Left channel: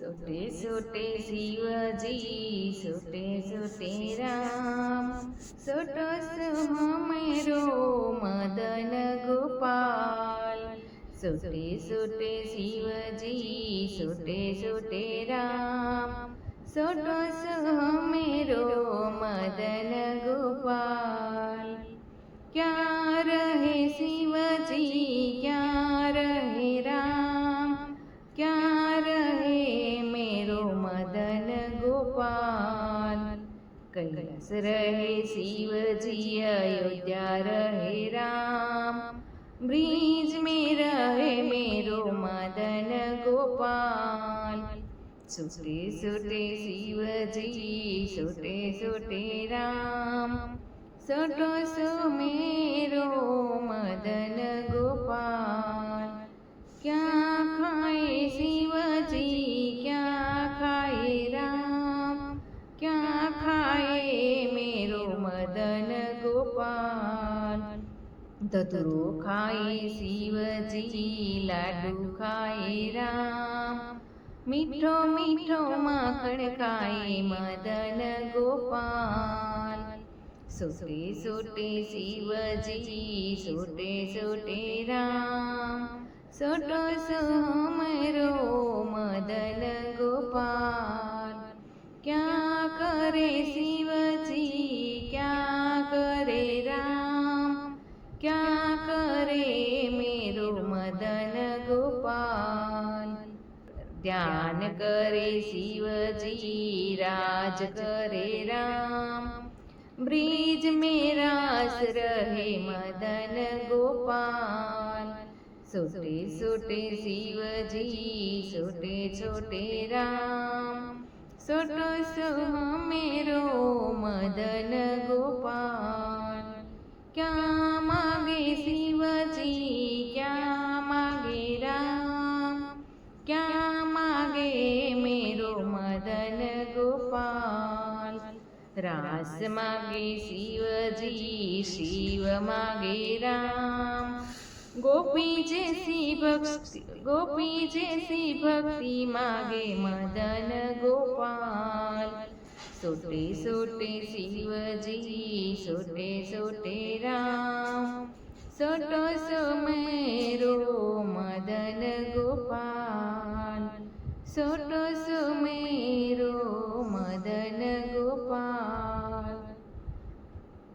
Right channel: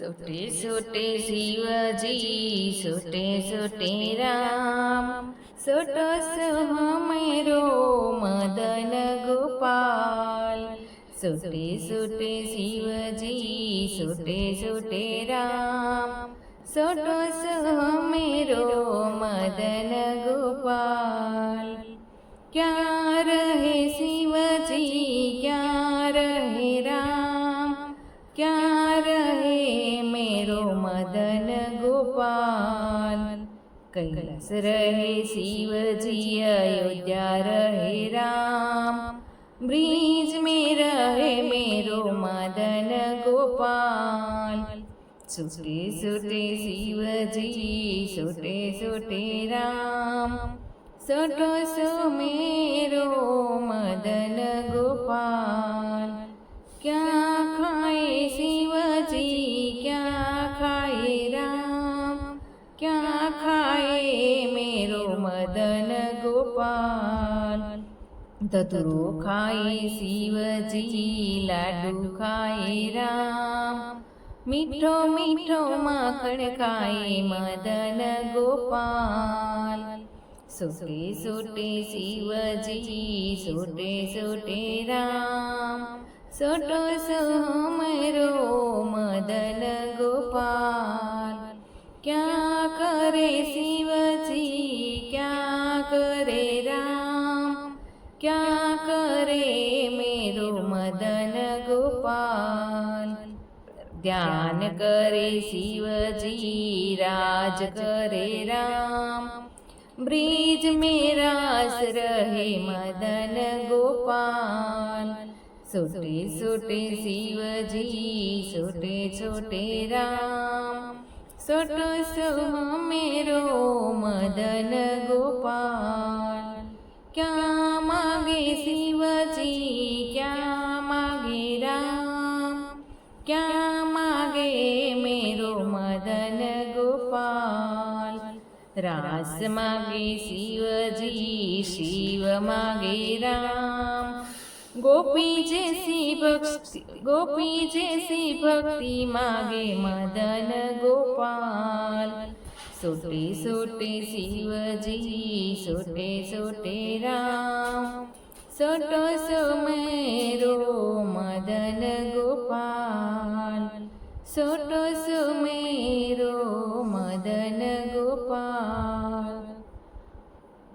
સુટે સુટે શિવજી સુટે સુટે રામ. સુટો સુમેરો મદન ગોપાલ. સુટે સુટે શિવજી સુટે સુટે રામ. સુટો સુમેરો મદન ગોપાલ. ક્યાં કૈલાસ રહે, શિવજી અયોધ્યા રહે રામ. બ્રિજ મે રહે, મેરો મદન ગોપાલ. સુટે સુટે શિવજી સુટે સુટે રામ. સટો સુમેરો મદન ગોપાલ. ધતુરો ખાય શિવજી લાડુ ખાય રામ મીઠો મીઠો માખણ ખાય મદન ગોપાલ સુટે સુટે શિવજી સુટે સુટે રામ સુટો સોમરો મદન મદન ગોપાલ. ધ્યાન કરે શિવજી, રાજ કરે રામ. બ્રિજ મેરાસ રહે મદન ગોપાલ. સુટે સુટે શિવજી સુટે છોટે રામ. સુટો સુહ મેરો મદન રાસ માગે શિવજી શિવ માગે રામ ગોપી જેસી ભક્તિ ગોપી જેસી ભક્તિ માગે મદન ગોપાલ સોટે સોટે શિવજી સોટે સોટે રામ સોટો સોમેરો મદન ગોપાલ સુટો